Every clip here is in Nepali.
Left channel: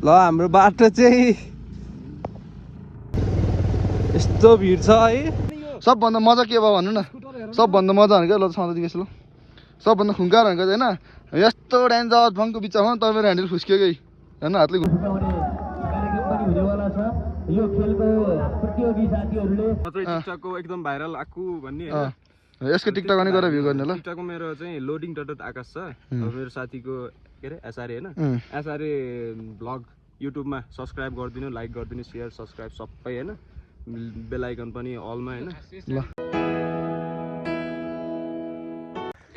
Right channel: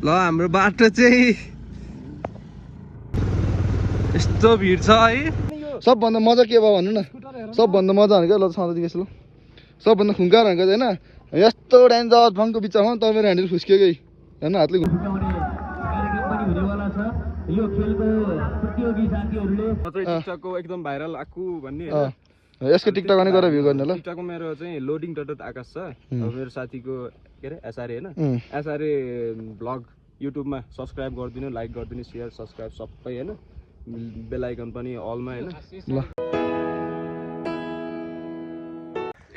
ल हाम्रो बाटो चाहिँ यस्तो भिड छ है। सबभन्दा मजा के भयो भन्नु न, सबभन्दा मजा भनेको ल सधैँ ल सबभन्दा खुङ्कार भनेको चाहिँ होइन यस्तो डेन्जर फङको बिचमा तपाईँको ह्यान्डल फुस्क्यो कि होइन हातले कार्यक्रम पनि हुनेवाला छ यो खेलको प्रतियोगी साथीहरूले टिकटकको एकदम भाइरल आकु भन्ने यसको टिकटक पनि गरेर भ्यू गर्ने ल। टिकटकको मेरो चाहिँ लोडिङ डट आकाश छ, मेरो साथीको के अरे एसआरए होइन, एसआरए ब्लग युट्युबमा सब्सक्राइब गरिदिनु, लाइक गरिदिनु, सेयर सब्सक्राइब सबै होइन, बेल आइकन पनि अलमा होइन।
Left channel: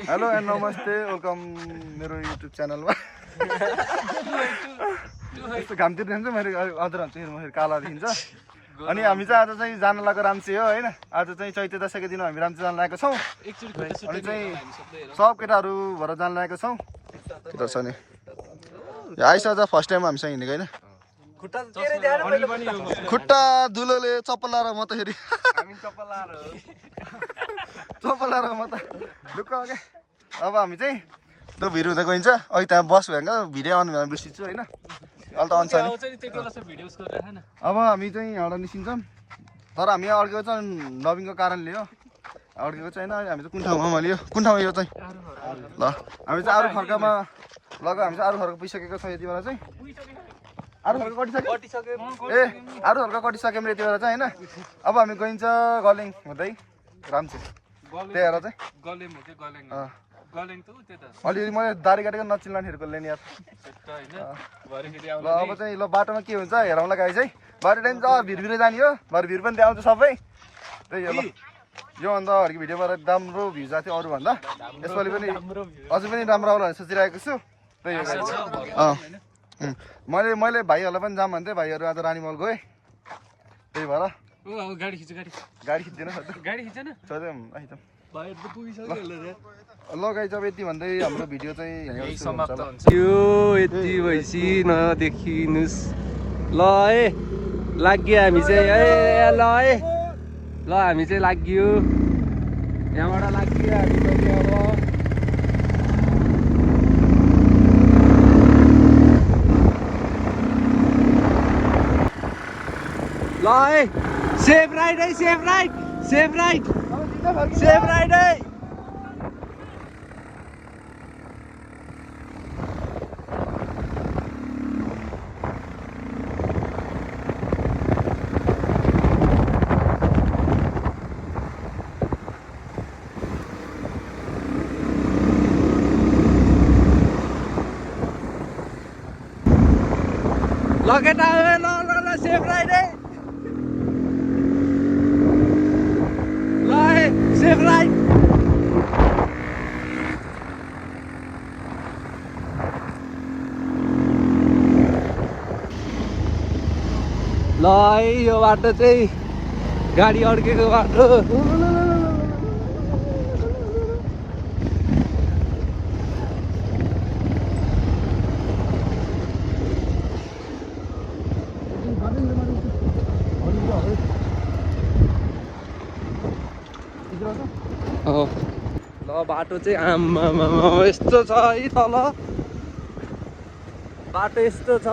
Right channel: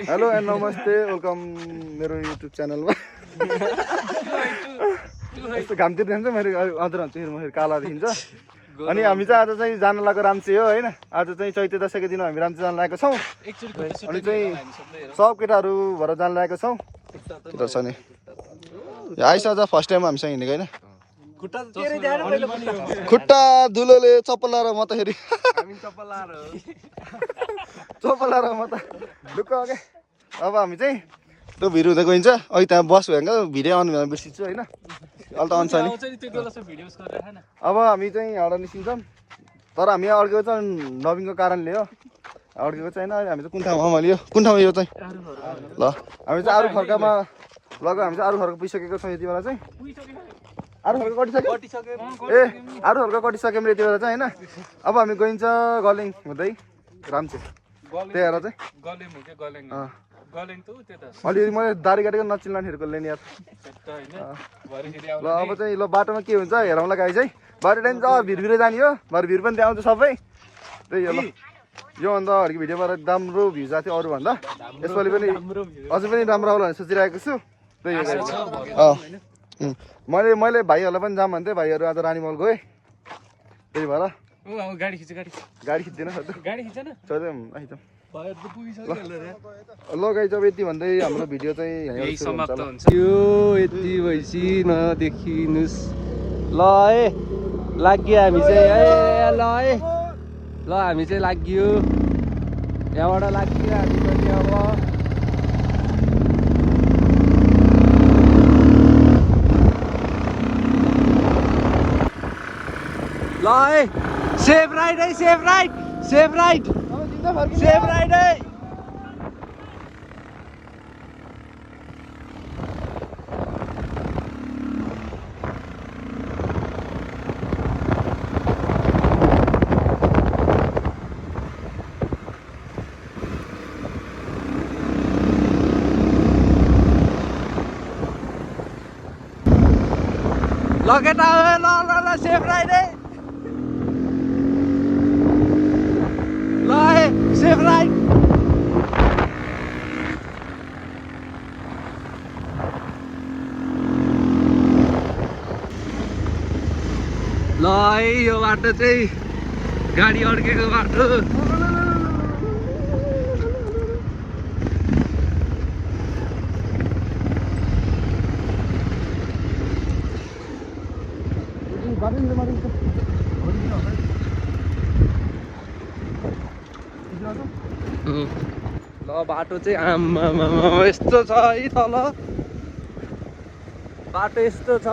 हेलो एन्ड नमस्ते, वेलकम मेरो युट्युब च्यानलमा। यस्तो घामतिर जान्छ मेरो अझ हुन्छ फेरि काला देखिन्छ। अनि हामी चाहिँ आज चाहिँ जान लागेको राम्चे हो होइन, आज चाहिँ चैते दशैंको दिन हामी राम्चे जान लागेको छौँ। अनि चाहिँ सब केटाहरू भएर जान लागेको छौँ। केटा छ नि आइस आज फर्स्ट टाइम हामीसँग हिँडेको होइन, खुट्टा धुलोले चप्पलाएर म त फेरि चप्पलाएर म त ढुक्क क्या। अब हामी चाहिँ त्यो भिड हुँदा गइन्छ, अहिले त्यहाँ बस भयो भिडियो आउनु भने बिर्सिन्छु होइन, अहिले त आउँछ नि। अब हामी चाहिँ यहाँबाट निस्किन्छौँ, तर हामी यहाँ अड्केको चाहिँ नवीनको कारणले हो, अड्केको चाहिँ होइन। हामी चाहिँ कुन ठाउँमा लियो, कुन ठाउँमा यो चाहिँ ल हामी चाहिँ अरू खर्कामा लग्यो, हामी चाहिँ अरू खर्का पुगिसकेको छौँ यति बेला चाहिँ। अरू खर्का कटिसक्यो ए अरू खर्का कटिसक्यो यति बेला चाहिँ होइन। अब हामी गइन्छ गलेङ हुँदै राम्चे, त्यही भएर चाहिँ अलिअलि मैले दारी काटेको नचिल्लानेहरूको लिने यार। ल अब चाहिँ ल बाटोमा के हुन्छ हेरौँला गाई चाहिँ, बाटो टाइम चाहिँ भिरभिरै जाने हो, भरे भिर पनि त्यहाँ आउँछ सबै। त्यही हो योभन्दा अगाडिको भिडियोमा राम्रो भ्यू जाएको थियो अरूभन्दा, यसपालि पनि अझै पनि राम्रो आउला भनेर सोचिरहेको छु। त्यही हो मैले भाइहरूलाई पनि जाम भन्थेँ, भाइहरू आज रानीमहल गएँ, त्यही भएर गाडी खिच्दैन आइज ल गाई जब यति भन्दै हाम्रो भिडियो चाहिँ यो यति भएपछि नदेखिनुहोस् ल है। लाग्यो हामी चाहिँ है, ल है ल हामी चाहिँ लाग्यो, यहाँबाट लाग्यो हामी पनि। अब ल है सेफ राइड है, safe ride, safe ride, safe ride है। ल केटा ल ल ल सेफ राइड है, ल है सेफ राइड। ल है यो बाटो चाहिँ गाडी अड्केको बाटो। ल बाटो चाहिँ आम्मा यस्तो छ है, तल बाटो यस्तो छ।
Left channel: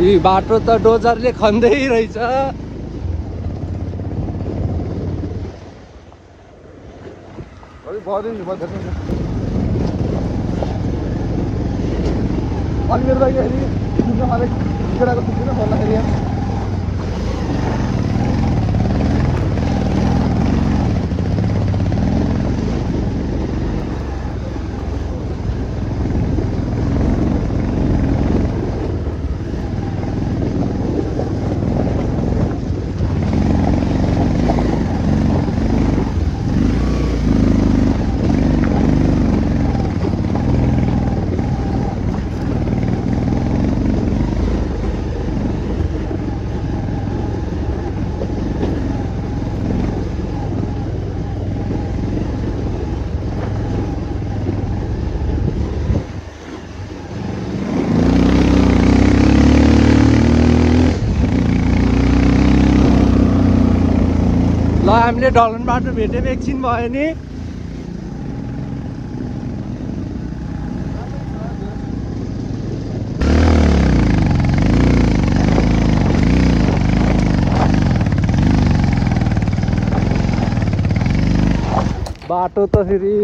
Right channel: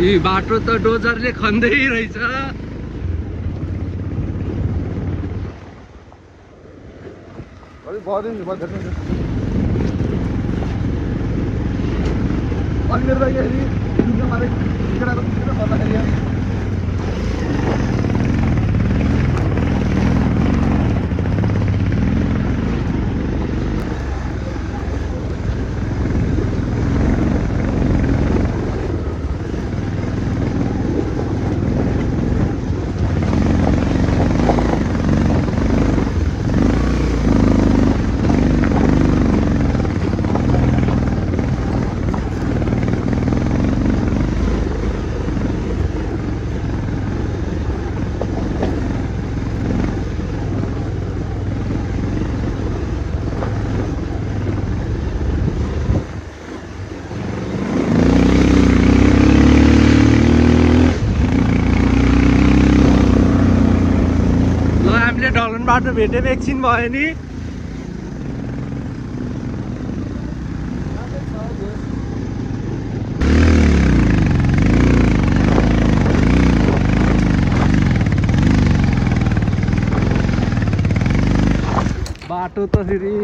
यी बाटो त डोजरले खन्दै रहेछ। हामीले ढलन बाटो भेट्यौँ एकछिन भयो नि बाटो त फेरि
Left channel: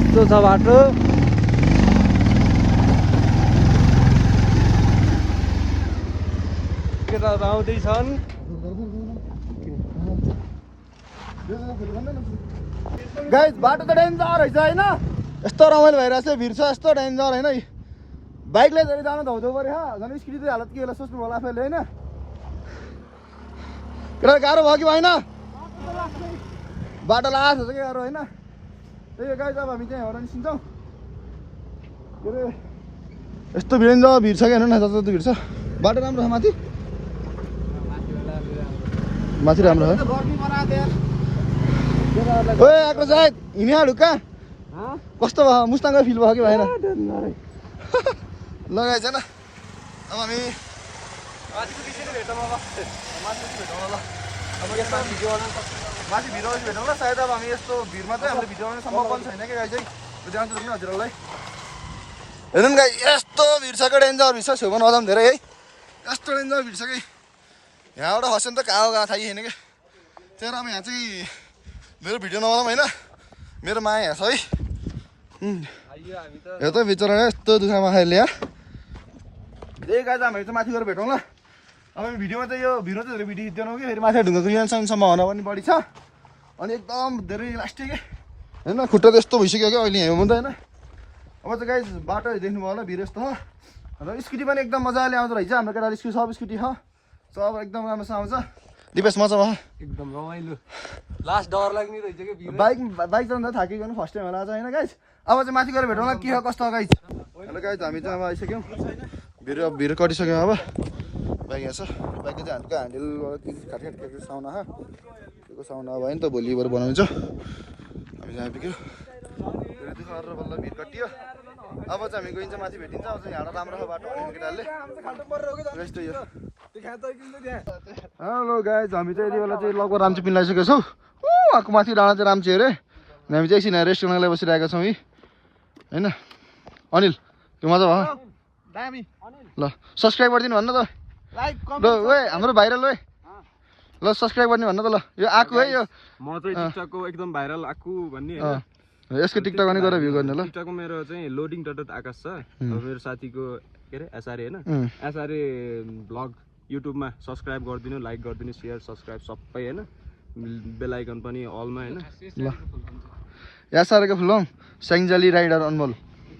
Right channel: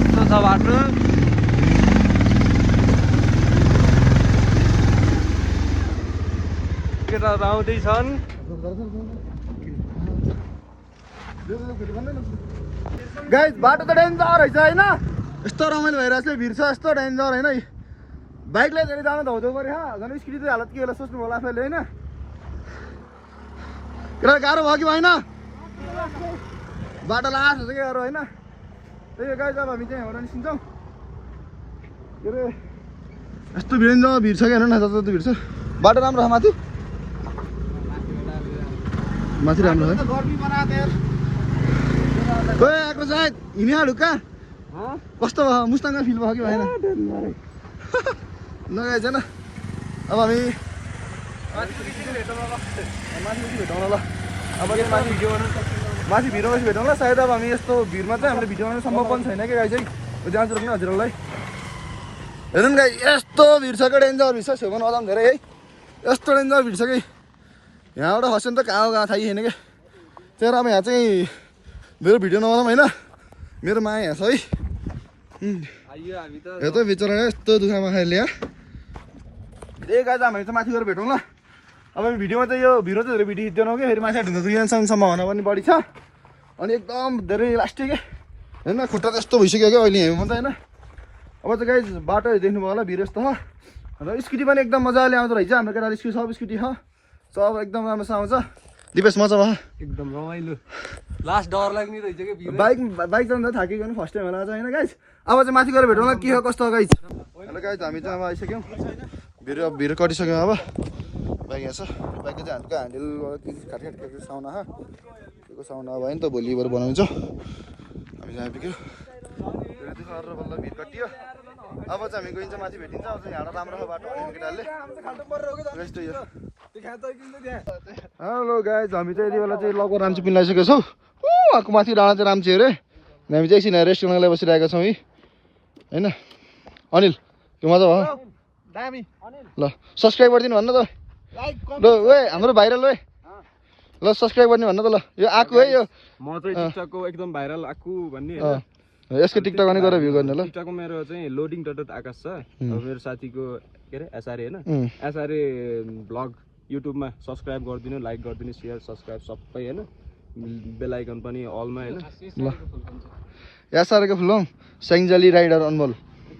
यस्तो छ बाटो केटाहरू आउँदैछन् गाइस बाटो त डेन्जर रहेछ होइन यस्तो रमाइलो भइरहेछ भिड छ यस्तो डेन्जर होइन बाइकले गरी जानु त हुँदो पऱ्यो झन् स्कुटी चाहिँ हालत के होला सोच्नु होला आफैले होइन केटा गाह्रो भयो कि भएन बाटो लास हुन्छ कि गाह्रो होइन त्यही हो गाइस अब हामी चाहिँ एउटा निस्किन्छौँ के अरे यस्तो भिड छ कि हेर्नु न जस्तो भिड छ बाटो राम्रो छ माथि माथि राम्रो है ओए आएको जायद हिँडिहाल ढुक्का कस्तो भयो मुस्ताङको फिल भयो कि भएन लगाएछ न अब हामी माथि भेटौँ ल अब माथि भिडियो भेटौँ ल सायद अब हामी यस्तो भिडमा चाहिँ हामीले भिडियो बनाउनु सम्भव पनि छैन कि गाई चाहिँ जान्छु रोक्नु हजुरहरूलाई हेर्नु न गाई यस्तो भिड छ कि डेन्जर भिड छ छेउमा नजाउँ धेरै है यस्तो डेन्जर भिड छ कि यहाँबाट खस्यो भने त कहाँ थाहै छैन क्या त्यही अब यहाँ चाहिँ मेरो भिडियो नबनाऊँ होइन मेरो माया यहाँ छ है यो त बिचरा यस्तो दुःखमा खाइले यहाँ त्यही गाई हामी चाहिँ माथि गएर भेटौँ ल अब भिडियोमा चाहिँ यो भिडियो चाहिँ धेरै भिडियो खिच्दैनौँ कि फेरि माथि ढुङ्गा कुहिने सम्भावना पनि बढी छ अनि एकदम धेरै लास्टिक होइन खुट्टा त यस्तो भइसक्यो क्या अहिले हिँड्नु पनि त होइन अब चाहिँ गाई बाटो देख्नुभयो होला भिड यस्तो छ अन्त स्कुटी पनि एकदम मजाले आउँदो रहेछ हाम्रो केटाले स्कुटी सब स्कुटी छ सब एकदम राम्रोसँग आउँछ दिपेश मजा भयो एकदम रमाइलो लास्ट डर लाग्ने रहेछ कि बाइक जाँदा थाकेको पनि फर्स्ट टाइम होला आज होइन गाइस अब चाहिँ माथि गएर भेटौँला के हो कस्तो हो गाइस हेलो गाइस हामी चाहिँ अब आइसक्यौँ भिड कटिसक्यौँ अब बाइक यहाँ छ बाइकको चाहिँ हातको ह्यान्डलबाट खाट साउना त्यो साउना भयो नि त भोलिबाट बनाउँछ हामी चाहिँ आइपुग्यो धेरै दुःख गरेर बल्ल भिड कटियो अब चाहिँ हामी गइन्छ माथि भेटिन्छ अब चाहिँ यहाँबाट राम्रो छ बाटो भनेको केटाहरूले यस्तो यो हेलो गाइज हामी चाहिँ यति बेला चाहिँ लगभग राम्ची पिन लगाइसकेको छौँ अर्को माथि डाँडा चाहिँ राम्ची अरे हामी चाहिँ एकछिन रेस्टुरेन्टलाई बसिरहेका छौँ है होइन अनिल के मजा भयो दामी ल सब्सक्राइब गरिदिनु भन्नु त ल ओए हाम्रो भाइरल ओए ल सब्सक्राइब गर्ने भन्नु त ल यो आएको है यो म चाहिँ टिकटकको एकदम भाइरल आएको भन्ने यसको टिकटक पनि गरेर भ्यू गर्ने ल टिकटकको मेरो चाहिँ लोडिङ डट आकाश छ अब मेरो साथीको के अरे एसआरए होइन एसआरए ब्लग युट्युबमा सब्सक्राइब गरिदिनु लाइक गरिदिनु सेयर सब्सक्राइब सबै होइन बेल आइकन पनि अलमा होइन ल एसआरएको फुलम स्याङ्जाली राइडर अनमोल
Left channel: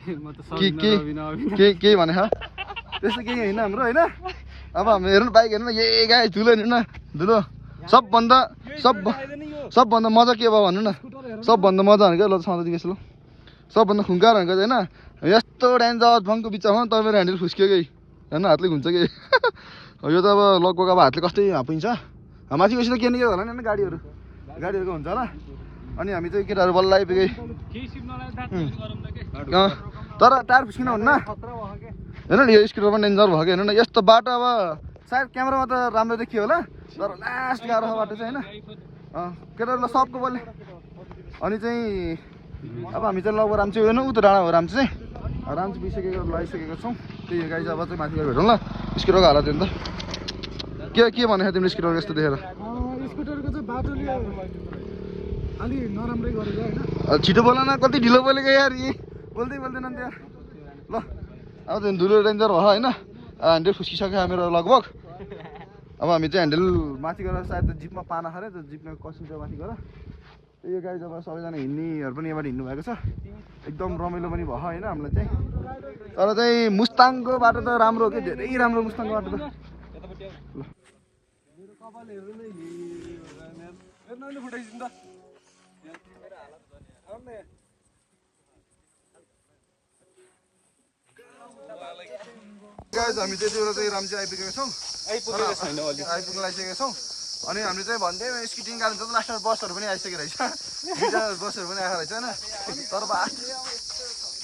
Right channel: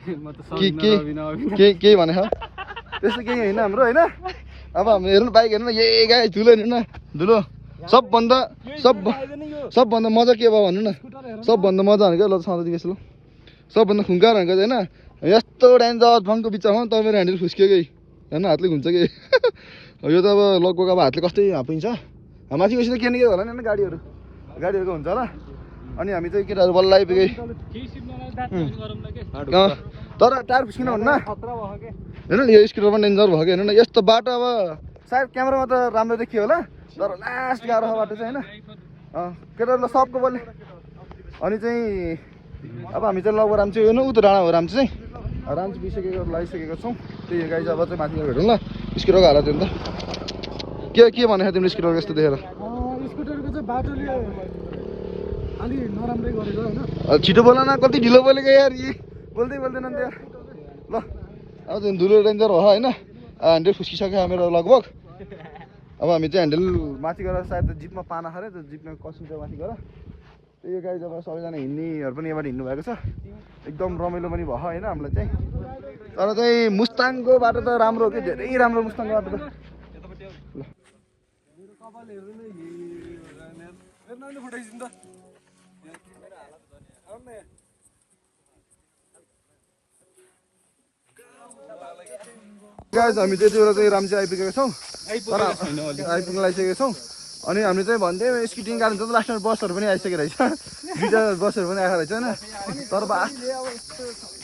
के भने त्यस्तो केही होइन हाम्रो होइन अब हामी हेर्नु बाइक हेर्नु न यही गाई धुलो हेर्नु न धुलो सबभन्दा मजा के भयो भन्नु न सबभन्दा मजा भनेको ल सधैँ ल सबभन्दा खुङ्कार भनेको होइन यस्तो डेन्जर भङको बिचमा त मेरो ह्यान्डल फुस्क्यो कि होइन हातले घुन्छ कि यो त अब लगभग अब हातले कस्तै हापिन्छ माथि गएपछि त के न के होला नि गाडीहरूको हुन्छ होला अनि हामी चाहिँ केटाहरू बल्ल आइपुगे तर टायर फुस्किन हुन्न होइन यो स्कुटर पनि डेन्जर भयो कि हेर्नु न यस्तो बाटो अब सायद क्यामेरामा त राम्रो देखियो होला तर लास्ट गाह्रो छ बाटो चाहिँ होइन केटाहरूलाई सबको बोले अनि चाहिँ अब हामी चाहिँ लगभग राम्ची हेर्नु उता डाँडा हो राम्ची चाहिँ राम्ची पुगिसकेको लगाइसकेको छौँ त्यही गाई चाहिँ अब चाहिँ माथि गएर भेटौँ ल स्कुटरको हालत हेर्नु त के भनेको तिम्रो स्कुटर यस्तो देखेर स्कुटरको चाहिँ बाटोले अलि नराम्रै गरेको होइन छिटो बोल न कति ढिलो बोलेको यार यी बोल्दै बोल्दैन नि यार ल अब चाहिँ धुलो डेन्जर हो होइन ह्यान्डल फुस्किसक्यो मेरो लगभग अब हामी चाहिँ ह्यान्डल माथि गएर सायद जिपमा पाना खऱ्यो त्यो जिपमा कसिन्छ माथि गएर त्यही गाडी जब सबैजना हिँड्नेहरू पनि यहाँबाट हिँड्नु भएको छ एकदम रमाइलो पनि भयो होइन हामीलाई चाहिँ तर चाहिँ मुस्ताङको बाटो त राम्रो हो कि धेरै राम्रो मुस्ताङको बाटो त ल गाइस हामी त्यति बेला चाहिँ राम्ची आइपुगेका छौँ तर आइपुग्न लागिसकेका छौँ अनि हामीले चाहिँ भन्दै स्कुटी निकाल्नु त लास्टमा बसहरू पनि आइसकेको रहेछ दुईवटा बसहरू पनि आएको रहेछ होइन तर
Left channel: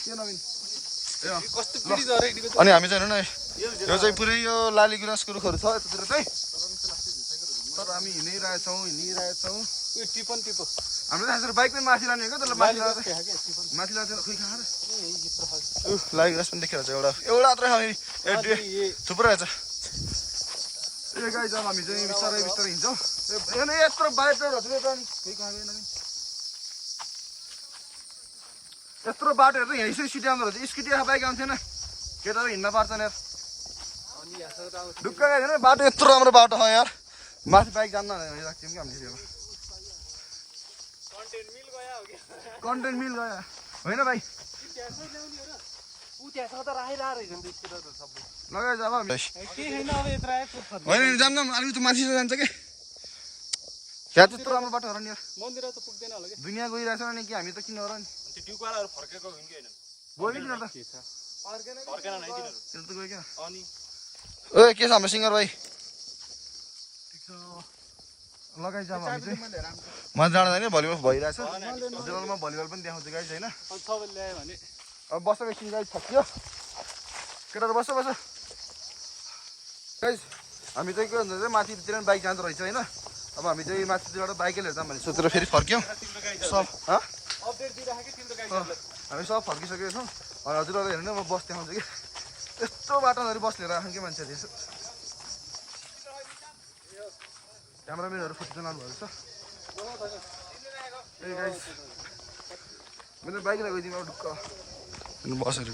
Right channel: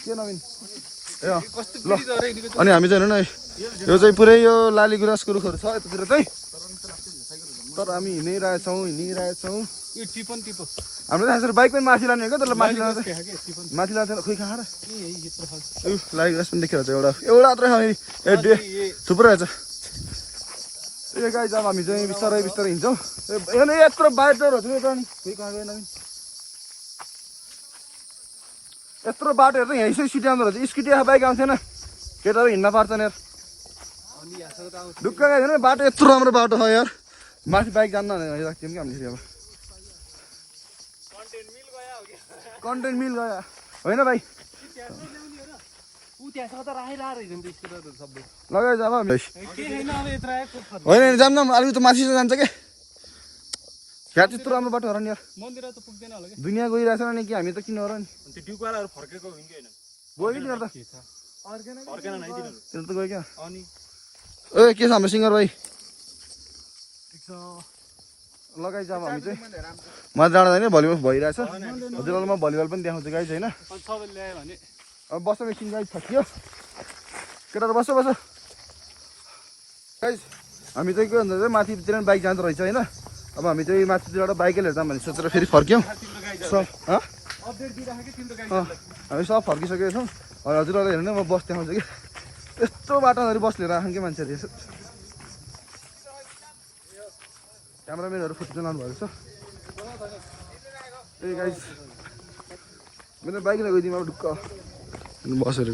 के नवीन ए ल अनि हामी चाहिँ हेर्नु न यो चाहिँ पुरै यो लाली गुराँसको रुखहरू छ यतातिर चाहिँ तर हामी हिँडिरहेछौँ हाम्रो थाहा छ बाइक पनि माथि लाने हो क्या तर माथि लाँदा खोइ कहाँ र लाली गुराँस पनि देखेर एउटा मात्रै छ थुप्रो रहेछ ए गाई अब हामी चाहिँ बिस्तारै हिँड्छौँ यत्रो बाटोहरू छ नि खोइ कहाँ गएन यत्रो बाटोहरू चाहिँ यहीँ सिटी आउँदो रहेछ स्कुटी बाइक आउँथेन केटाहरू हिँड्न पार्छन् यार ढुक्क गएन बाटो यत्रो राम्रो बाटो छ यार माथि बाइक जान्न राख्थ्यौँ कि हामीले अब कन्टेन्ट मिल गयो होइन भाइ लगाइ जाब होइन जाम अलिकति माथि जान्छ के त्यहाँ त्यत्रो राम्रो बाटो हो नि यार दुनियाँ गइरहेछ नि कि हामी त किन हो र नि गयो कि तिनीहरू त गयो क्या ओ के छ हाम्रो सिङ्गर भाइ लगाइ जाम हामी चाहिँ म जाँदा होइन भलिबल भइरहेछ हजुरलाई म भलिबल पनि देखाउँछु गाइज होइन अब बस्छ एकछिन गाइज थकियो केटाहरू बस्छ गाइज हामी चाहिँ के भन्छ माथितिर बाइक जाँदो रहेछ होइन अब हामी चाहिँ माथितिरबाट बाइकै लिएर जाऊँ भने सोचेर फेरि फर्क्यौँ सब हामी सब फर्किसकेको छौँ हजुरलाई हेर्नु म बस देखाउँछु कि यस्तो बाटोहरू बस लिएर आएको कि मान्छेहरू यसो क्यामराम्यानहरू फोटो चलाउनु भएको छ त्यही गाइस मेरो बाइक गइदिउँ अब ढुक्क बसहरू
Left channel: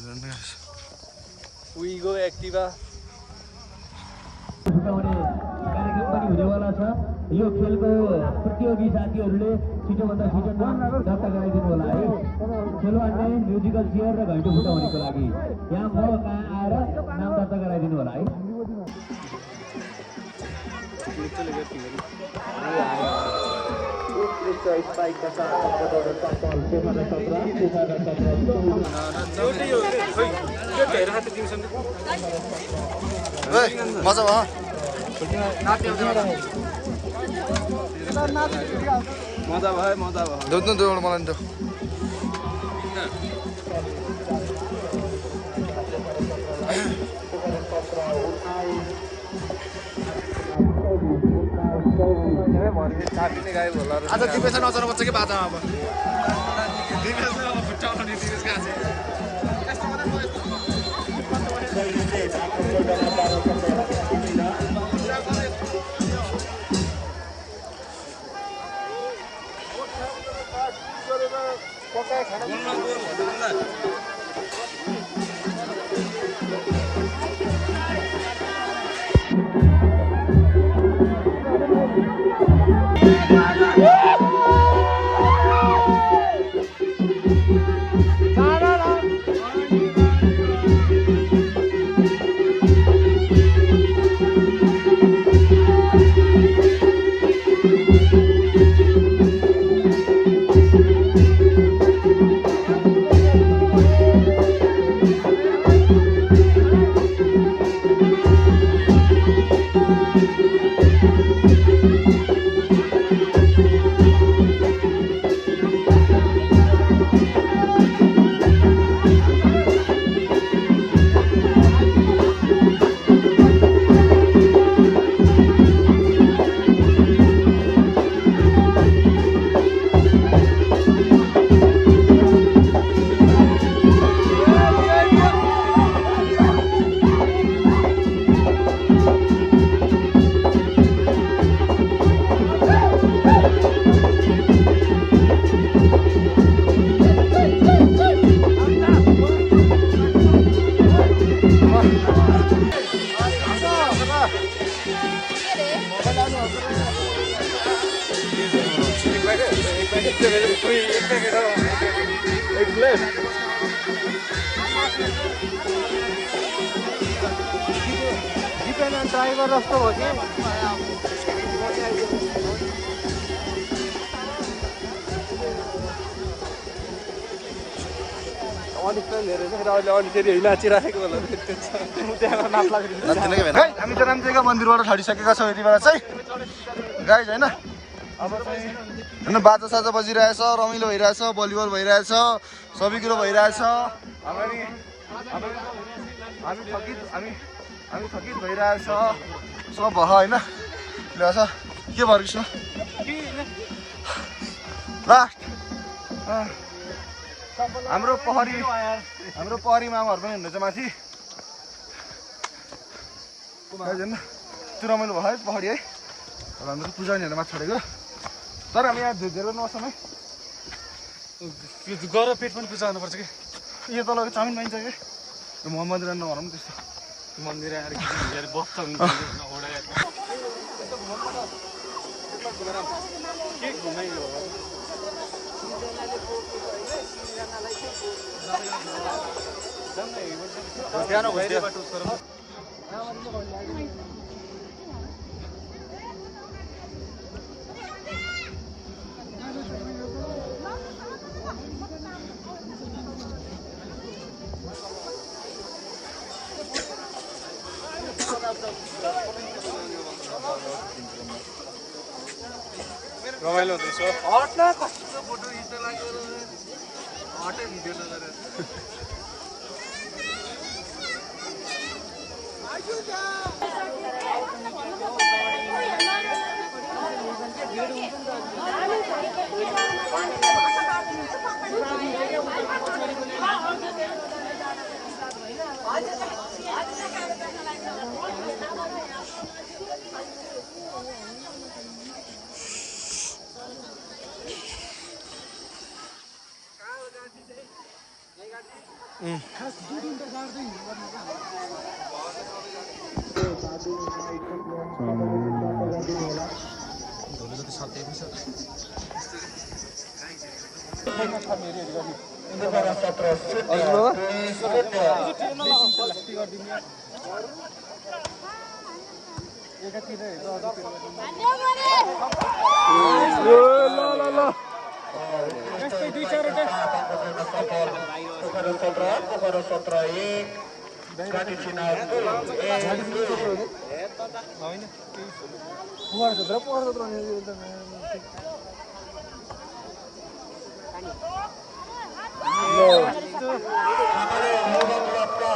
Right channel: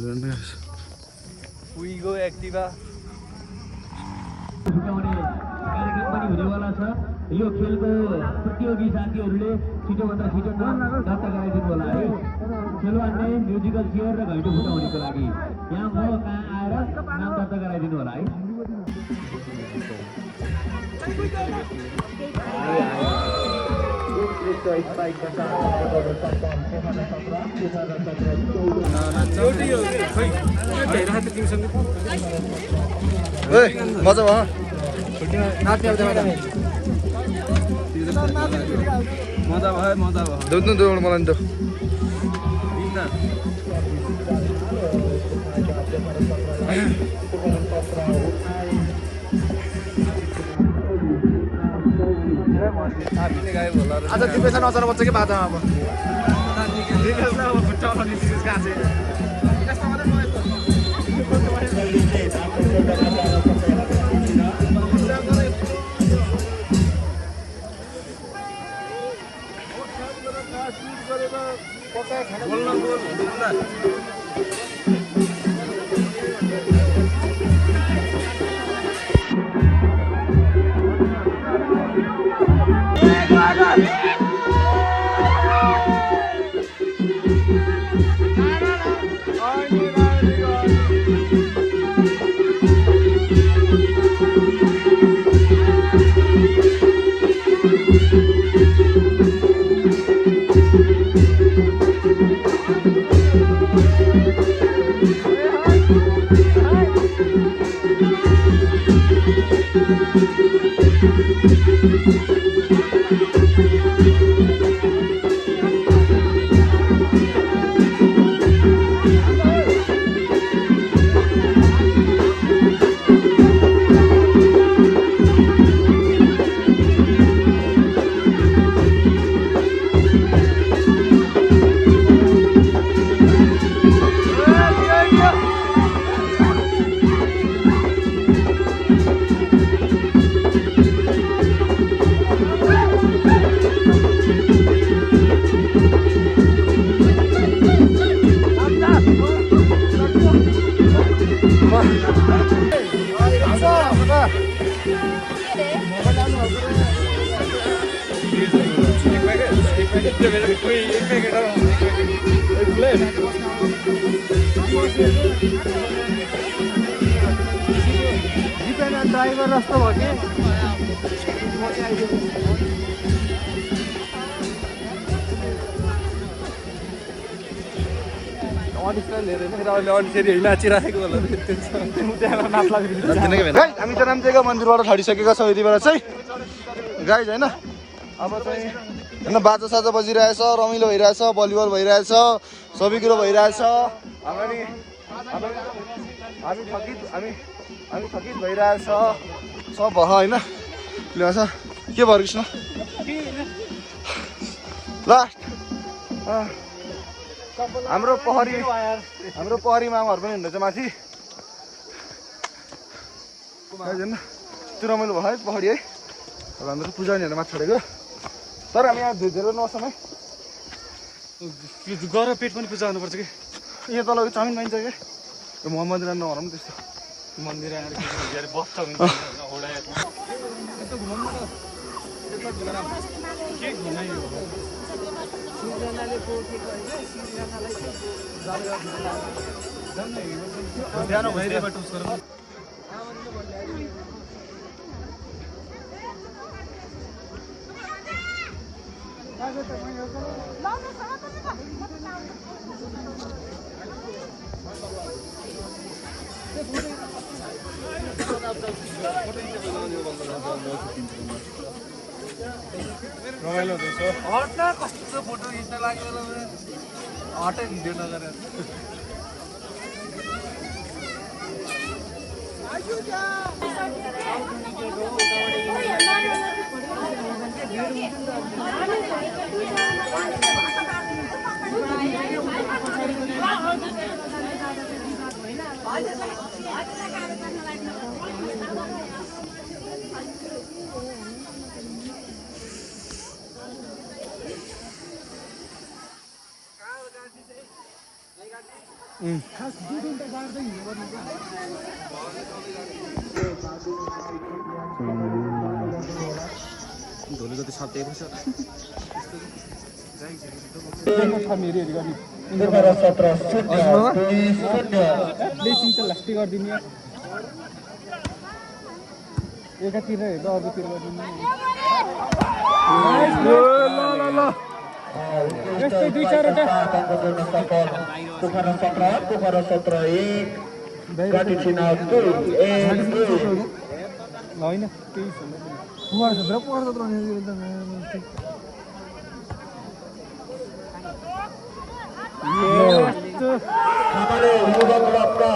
छुट्याउने कार्यक्रम पनि हुनेवाला छ यो खेलको प्रतियोगी साथीहरूले छिटोभन्दा छिटो नाम दर्ता गराइदिनु होला है खेलवानले म्युजिकल चेयर र घैँटो फुटाउनेको लागि यहाँ म कहाँ आएर नाम दर्ता गराइदिनु होला है मजा भयो दुध न दुध मलाई नि आज के पैसा नचर बच्चा के बाजा अब हामी त रामदेवको मन्दिरबाट छडिसकेको छौँ यति बेला चाहिँ गाइज होइन अब चाहिँ होइन बाजा साजा बजिरहेछ रमाइलो भइरहेछ भलिबल भइरहेछ सबै कुरो भइरहेछ हामी थकित भइरहेछ सब भयो होइन ल्याउँछ के भयो कृष्ण ल हाम्रो पहरी मामाहरू पनि हुनुहुन्छ माथि त्यो रमाइलो भयो है पहरी है अब हाम्रो पूजानीहरू माथि छोडेको तर हामी यहाँ धेरै नसौँ है गएर पेट पनि पूजा गर्नुपर्छ कि यहाँ तल चाउमिन पाइन्छ क्या यो मोहम्मद रान नभनौँ नि त्यस्तो रमाइलो हुँदैछ हट्ने कस्तो फोटो खिच्न लाग्यो हटे भिडियो नगरेर पोखरा 17-0-2-0 एकातिर हेर्दा अरूतिर सफल पोखरा 17-1 घाटी चुनाव 2-1 होइन हमारे युवा क्लबका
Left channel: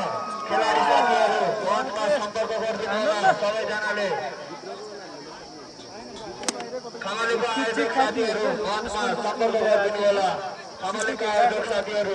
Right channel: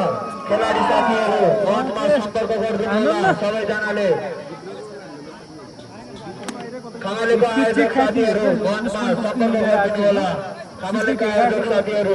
खेलाडी साथीहरू मञ्चमा सम्पर्क गरिदिनु होला सबैजनाले खमालेका आयोजक साथीहरू मञ्चमा सम्पर्क गरिदिनु होला खमालेका आयोजक साथीहरू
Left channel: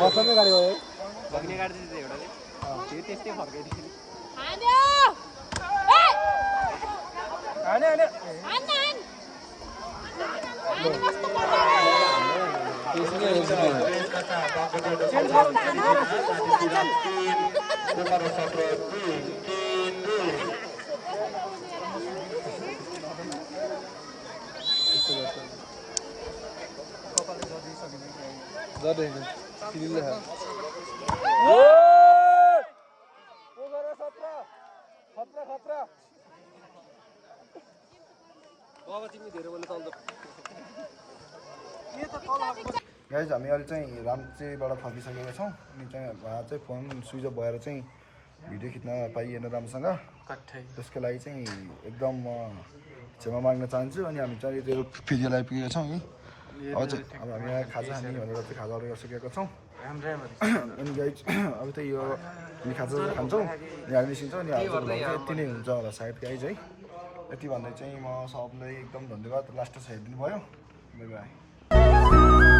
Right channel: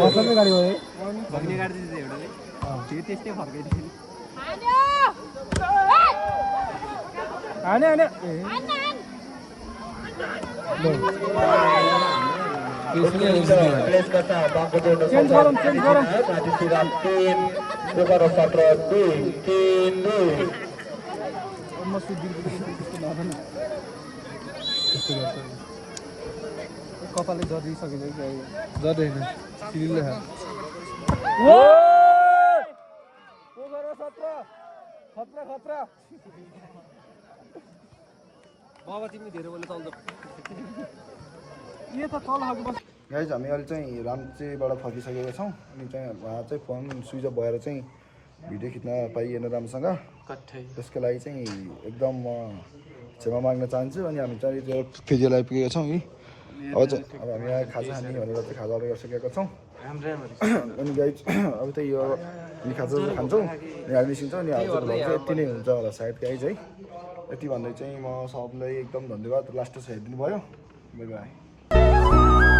कपालले गरिदिइसकेको गाइज हामी अहिले चाहिँ राम्चेबाट फर्किसकेका छौँ अनि चाहिँ उहाँ चाहिँ फोन स्विच अफ भएर चाहिँ भिडियो खिच्न पाइएन राम्रोसँग त्यसको लागि चाहिँ एकदम म क्षमा माग्न चाहन्छु अनि हामी चाहिँ त्यो फेरि आइपुगेका छौँ यी अब हामी यहाँ खाजा खाने भनेर चाहिँ खाजा अर्डर गरिसकेका छौँ अनि गाइज अब चाहिँ यो हामी खाजा खान्छौँ अनि हामी निस्किन्छौँ अनि हाम्रो भ्लग चाहिँ यति नै हुन्छ होला सायद गाइज है यति भन्दै चाहिँ म सबलाई एकदम धन्यवाद लास्ट हेरिदिनु भयो बाई बाई